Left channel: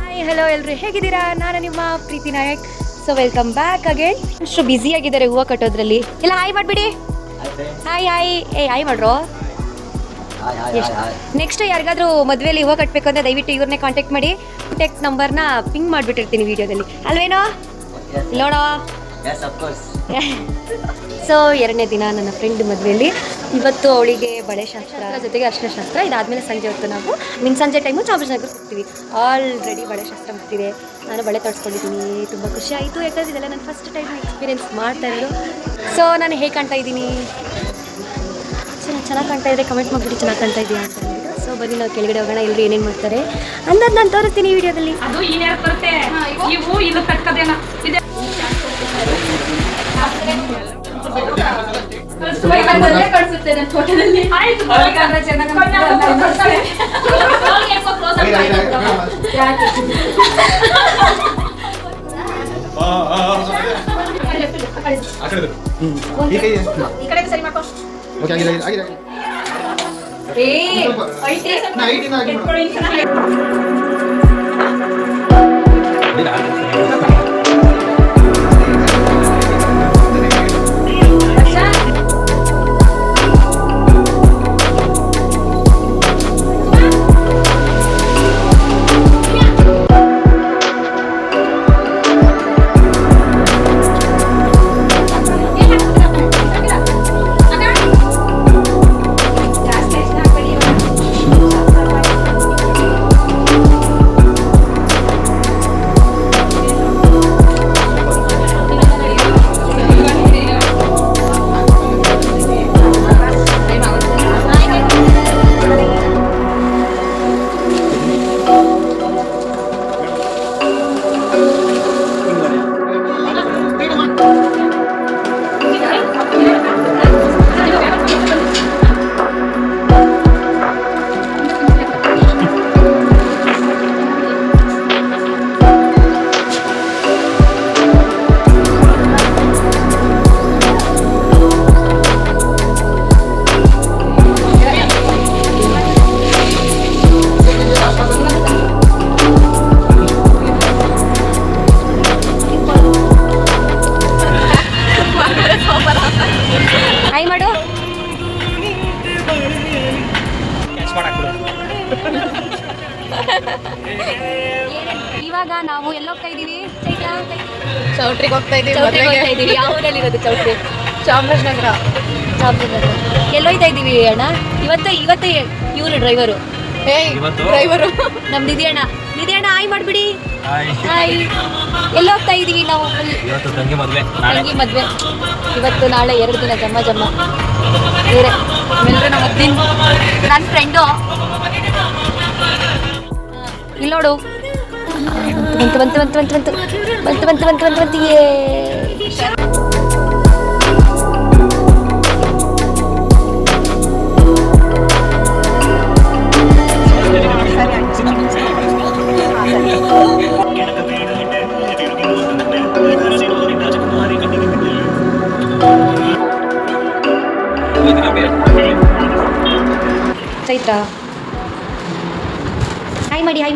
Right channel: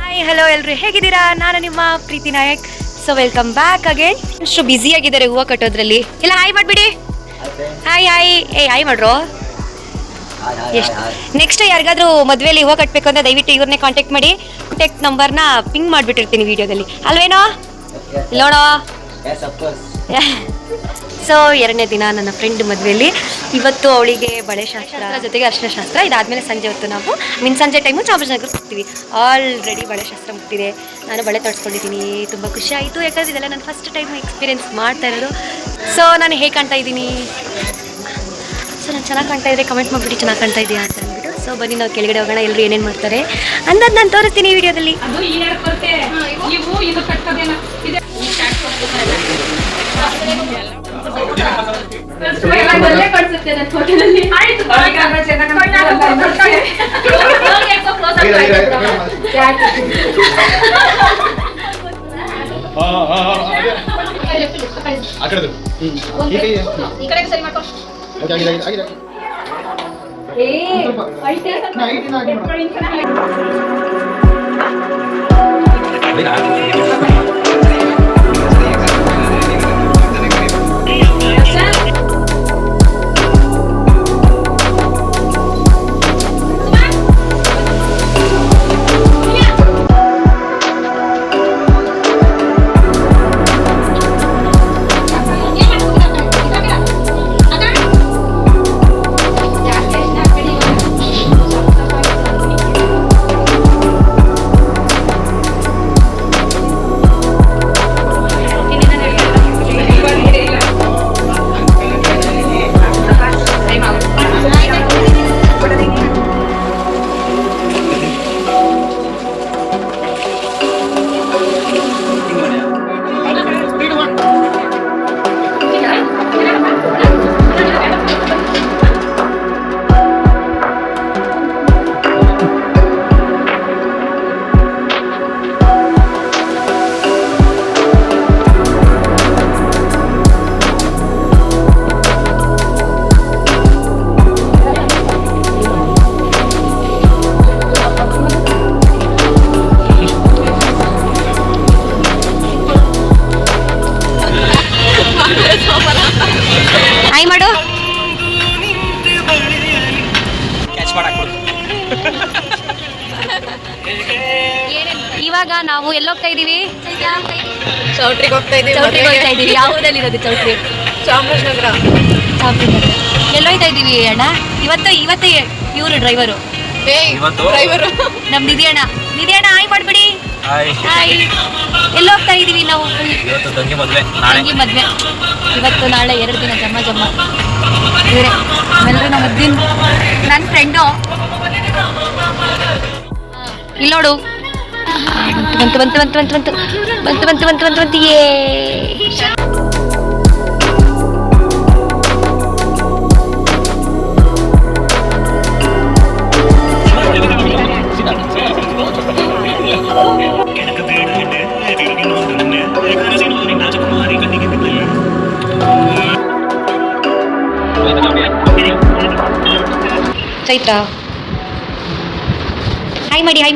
Hi hello ಎಲ್ರು ಹೇಗಿದ್ದೀರಾ? ನಾನು ನಿಮ್ಮ Preethi Nayak. So welcome back again. ಅಷ್ಟು ಬ್ಯುಸಿ ಆಗಿದ್ದಾರೆ ಹೂವು ಕಟ್ಟೋದ್ರಲ್ಲಿ. ಇಲ್ಲ ಹಾಯ್ ಮಾಡಿಬಿಡಿ. ಹಾಯ್ ಹಾಯ್ ಹಾಯ್ ಮಾಡ್ರು. ಎಷ್ಟು ನೆಕ್ಸ್ಟ್ ಯಾರಿಗಾದ್ರೂ ಮದುವೆಯಲ್ಲಿ ಹೂವು ಕಟ್ಟಬೇಕು ಅಂದರೆ ದಯವಿಟ್ಟು ಇವ್ರನ್ನೇ ಕಾಂಟ್ಯಾಕ್ಟ್ ಮಾಡಿ. ಕಾಂಟ್ಯಾಕ್ಟ್ ನಂಬರ್ನ ಪಿಂಗ್ ಮಾಡಿಬಿಟ್ಟಿರ್ತೀನಿ ವಿಡಿಯೋದಲ್ಲಿ ಅಲ್ವೇನೋ? ಇಲ್ಲೋಣೋ. ಸೊ 2ನೇ ದಿನ ನನ್ನ ಫ್ರೆಂಡ್ ಮದುವೆಯಲ್ಲಿ. ಇವತ್ತು ಅವಳಿಗೆ ಬಳೆ ಶಾಸ್ತ್ರ ಜೊತೆಗೆ ಅರ್ಶಿನ ಶಾಸ್ತ್ರ. ಇದಾದಮೇಲೆ ಸಂಜೆ ಹೊತ್ತು ನಾವು ಸಂಜೆ ಟೈಮು ಚಾಮರಾಜನಗರಕ್ಕೆ ಹೋಗ್ತೀವಿ. ಆಲ್ರೆಡಿ ಬಳೆ ಶಾಸ್ತ್ರ ಮುಗ್ತಿದೆ. ನಾನು ಬಳೆ ತೊಡ್ಸ್ಕೊಂಡಿದ್ದೀನಿ. ತುಂಬ ಖುಷಿ ಆಯಿತು, ಯಾಕಂದರೆ ಇದೆಲ್ಲ ನಾನು ಫಸ್ಟ್ ಟೈಮ್ ಎಕ್ಸ್ಪೀರಿಯೆನ್ಸ್ ಮಾಡ್ತಾ ಇರೋದು. ಸೊ ನಾನು ಹೇಗೆ ಕಾಣ್ತಾ ಇದ್ದೀನಿ? ಸೊ ನಾನು ಚೆನ್ನಾಗಿ ಕಾಣ್ತಾ ಇದ್ದರೆ ಕಮೆಂಟ್ ಮಾಡಿಬಿಟ್ಟು ಚೆನ್ನಾಗಿ ಕಾಣ್ತಾ ಇದೆಯಾ ಅಂತ ಅಂದ್ಬಿಟ್ಟು. ಸೊ ಬನ್ನಿ ನಾವು ಕೆಳಗಡೆ ಹೋಗೋಣ, ಎಲ್ಲರೂ ಏನೇನು ಮಾಡ್ತಾರೆ ಅಂದದ್ದು ನಾನು ತೋರಿಸ್ತೀನಿ ಈ ವಿಡಿಯೋದಲ್ಲಿ. ಹಾಯ್ ಮಾಡು. ಇವಾಗ ನಾವು ಎಲ್ಲೋಗ್ತಾ ಇದೀವಿ? ಚೌಟ್ರಿಗೆ ಹೋಗ್ತಾ ಇದೀವಿ. ಯಾವುದಲ್ಲಿರೋದು ಚೌಟ್ರಿ? ಚಾಮರಾಜನಗರ. ಎಲ್ಲೋಯ್ತಾ ಇದೀವಿ ಅಣ್ಣ? ಇವತ್ತೇ ಇವರು ಡ್ರೈವರು ನಮ್ ನಿಧಿ ಅಣ್ಣ. ಹಾಯ್ ಮಾಡ್ಬಿಡಿ. ಹಾಯ್. ಎಲ್ಲೋಗ್ತಾ ಇದೀವಿ ನಾವು? ತಂಗಿ ಮದ್ವೆ ಇವತ್ತು ನಾಳೆ 2 ದಿನ ಜಮ್ಮ ಇವರೇ ಆಮೇಲೆ ನಮ್ಮ ನನ್ನ ಫ್ರೆಂಡು ಇಲ್ಲಿ ನೋಡು. ಬಂತು ಏ. ಚೈತ್ರ ಹಾಯ್ ಮಾಡಿ. ಹಾಯ್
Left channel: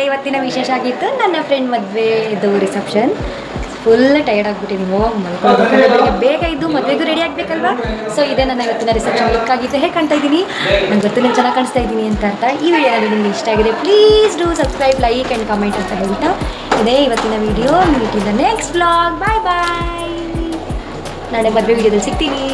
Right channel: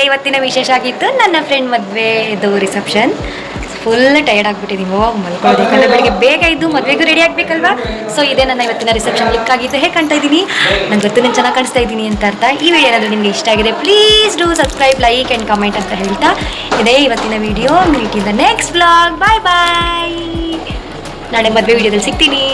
ಇದೇ ಇವತ್ತಿನ ವಿಶೇಷ ಆಗಿತ್ತು. ನನ್ನ ಫ್ರೆಂಡ್ ಮದುವೆದು ರಿಸೆಪ್ಷನ್. ಫುಲ್ ಟಯರ್ಡ್ ಆಗಿಬಿಟ್ಟಿದ್ದೀನಿ. ಮಲ್ಕೊಳ್ಬೇಕಂದ್ರೆ ಬೆಳಿಗ್ಗೆ ಬೇಗ ಇದ್ದು ಮದುವೆಗೂ ರೆಡಿ ಆಗಬೇಕಲ್ವಾ. ಸೊ ಇದೇ ನನ್ನ ಇವತ್ತಿನ ರಿಸೆಪ್ಷನ್ ಲುಕ್ ಆಗಿತ್ತು. ಹೇಗೆ ಕಾಣ್ತಾ ಇದ್ದೀನಿ? ನಂಗೆ ಗೊತ್ತು ನಾನು ಚೆನ್ನಾಗಿ ಕಾಣಿಸ್ತಾ ಇದ್ದೀನಿ ಅಂತ ಅರ್ಥ. ಈ ವಿಡಿಯೋ ಏನಾದರೂ ನಿಮಗೆ ಇಷ್ಟ ಆಗಿದೆ please do subscribe, like and comment ಅಂತ ಹೇಳ್ತಾ ಇದೇ ಇವತ್ತಿನ video. Meet in the next blog. Bye bye. ನಾಳೆ ಮದುವೆ ವಿಡಿಯೋದಲ್ಲಿ ಸಿಗ್ತೀನಿ.